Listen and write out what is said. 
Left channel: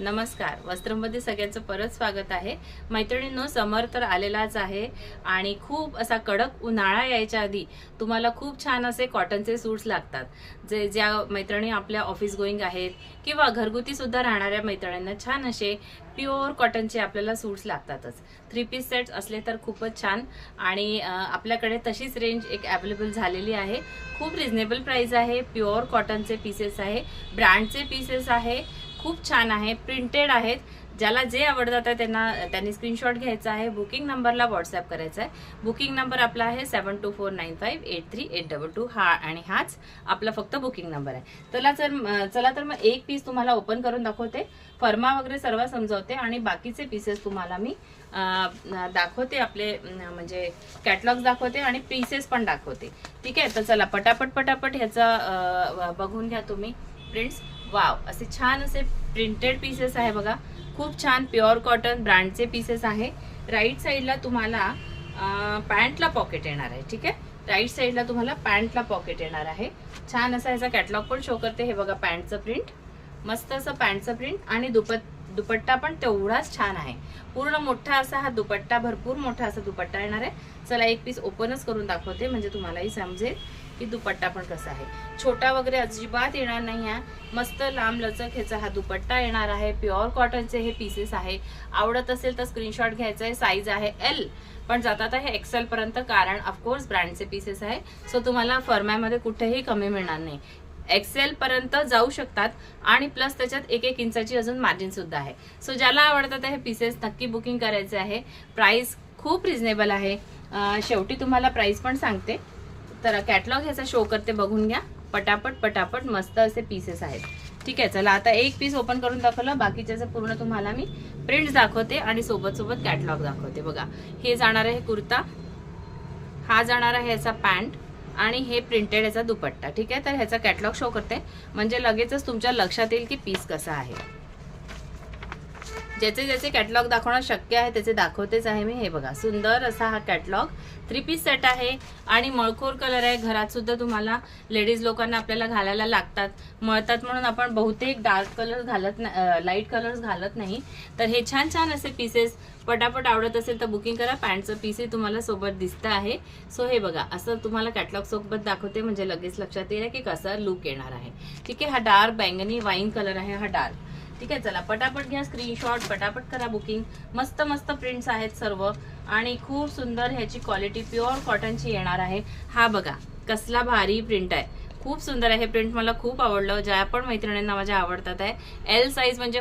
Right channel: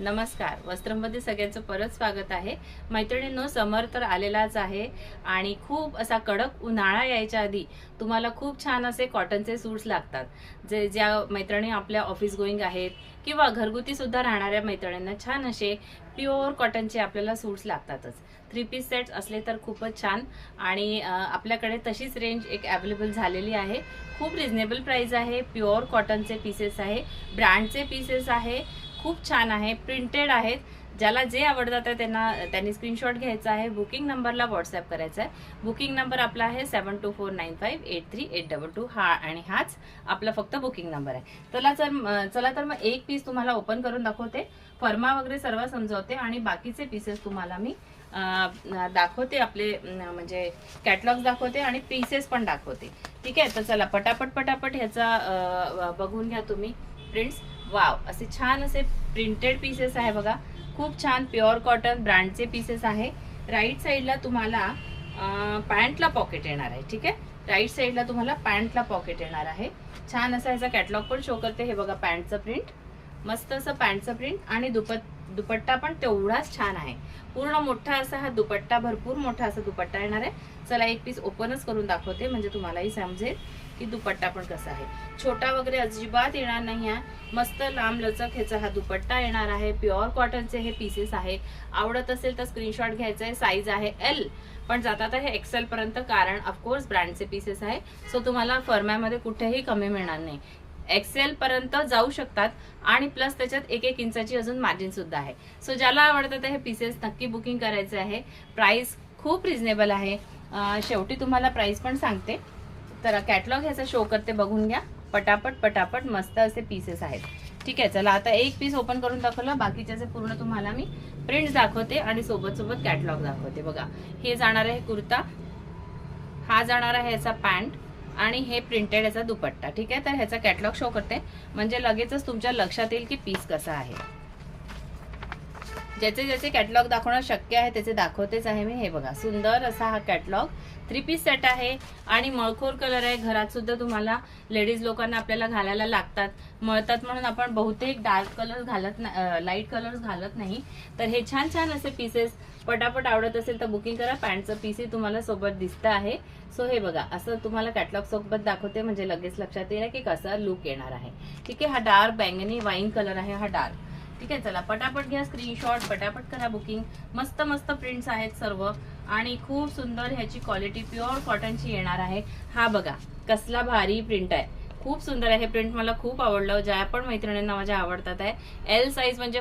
नमस्कार, वस्त्रमध्ये सगळ्यांचं परत स्वागत आहे। मैत्रिणींनो, समर तर आलेलाच आहे आणि खूप असा कडक उन्हाळा यायच्या आधी तुम्हाला खूप छान असे कॉटनचे सूट्स लागतात। ज्या मैत्रिणी आपल्या ऑफिस गोईंग आहेत किंवा घरगुती सुद्धा राहणाऱ्या मैत्रिणींना छान असे प्युअर कॉटनचे आपल्याला सूट्स लागतातच। 3 पीस सेट्स असले तर खूपच छान आणि आपल्याकडे तशीच रेंज एक अवेलेबल झालेली आहे। खूप रिझनेबल प्राइस आहे। प्युअर कॉटनचे पीसेस आहे, ब्रँडचे पीसेस आहे, खूप छान आहे, प्रिंटेड आहेत। ज्याला जे आवडतात आहे त्यांनी स्क्रीनशॉट घ्यायचा आहे, बुकिंग नंबरला व्हॉट्सअप करायचा आहे। बुकिंग नंबर आपला आहे 7249583822 हा आणि हाच आपला फक्त बुकिंग नंबर आहे। चला तर मग एक पीस तुम्हाला ओपन करून दाखवते, फर्मा वगैरे सर्व समजावते आणि बाकीचे पीसेस तुम्हाला मी दाखवते, आपले म्हणजे कॅटलॉग दाखवते आणि पीसेस पण दाखवते। ठीक आहे, तर चला पटापट ह्याचा बघून घ्या तुम्ही प्रिंट्स। वाव, असे छान असे प्रिंटेड पीसेस आहे बघा, खूप छान प्युअर कॉटन ब्रँडचे पीसेस आहे। राईट साइडला तुम्हाला पॅन्टला पॉकेट येणार आहे। ठीक आहे, राईट साइडला तुम्हाला पॅन्टला पॉकेट येणार आहे। छान असा ह्याचा कॅटलॉग पण शो करते। हे बघा पॅन्टचं प्रिंट, मस्त असं पॅन्टचं प्रिंट आणि दुपट्टा पण तेवढाच छान आहे। पूर्ण मोठा असा हा दुपट्टा, भरपूर मोठा असा दुपट्टा येणार आहे। चला एक पीस ओपनच करून दाखवते म्हणजे तुम्हालाही समजेल की दुपट्टा पण कसा आहे। छोटा वगैरे अजिबात येणार नाही आहे, मस्त लांब लचक ह्याचा हा दुपट्टा येणार आहे। प्युअर कॉटनचे हे पीसेस आहे। आवडत असेल तर स्क्रीनशॉट घ्यायचा आहे। साईज आहे एल, पण जातात आहे एक्सेल पर्यंत, कारण ऑफकोर्स ब्रँडचे पीसेस आहे, सो तुम्हाला फर्मामध्ये कुठेही कमी मिळणार नाही। एक्सेल पर्यंत जाऊ शकतात आणि प्लस त्याच्यात 1-1 इंचाची अजून मार्जिन सुद्धा आहे। सो ज्याला आवडतात हे पीसेस नक्की बुकिंग करायचे आहे। प्राइस खूप रिझनेबल आहे। शेवटी तुम्हाला प्राइस पण सांगते, तर कॅटलॉग ह्याचा शो करते, बघून घ्या। पटापट मस्त असे पीसेस आहेत। ठीक आहे, चला आता एक पीस ओपन करून दाखवलं, बाकीच्याचं पूर्ण तुम्हाला मी प्रिंट्स दाखवते आणि सोबत कॅटलॉग दाखवते। बघा, हे जाणार आहे कुर्ता, हा जाणार आहे ह्याचा पॅन्ट आणि हे प्रिंटेड ह्याचा दुपट्टा। ठीक आहे, तर ह्याचा कॅटलॉग शो करते म्हणजे लगेचच तुमच्या लक्षात येईल की पीस कसा आहे। ज्याचे कॅटलॉग दाखवणं शक्य आहे त्याचे दाखवतेच आहे मी। हे बघा, सुंदर असा हा कॅटलॉग 3 पीस सेट आहे आणि मळखोर कलर आहे। घरात सुद्धा तुम्हाला लेडीज लोकांना आपल्याला घालायला लागतात, मळतात म्हणून आपण बहुतेक डार्क कलर घालत नाही, लाईट कलर्स घालत नाही। तर हे छान असे पीसेस पटापट आवडत असेल तर बुकिंग करा। पॅन्टचं पीसही तुम्हाला सोबत दिसतं आहे। सो हे बघा, असं तुम्हाला कॅटलॉग सोबत दाखवते म्हणजे लगेच लक्षात येईल की कसा लुक येणार आहे। ठीक आहे, हा डार्क बैंगनी वाईन कलर आहे, हा डार्क। ठीक आहे, चला पटापट घ्या स्क्रीनशॉट, पटापट करा बुकिंग। मस्त प्रिंट्स आहेत सर्व आणि खूप सुंदर ह्याची क्वालिटी प्युअर कॉटनची येणार आहे। हा बघा कसला भारी प्रिंट आहे, खूप सुंदर आहे प्रिंट, मला खूप आवडलं। ज्या पण मैत्रिणींना माझ्या आवडतात आहे। एल साईज म्हणजे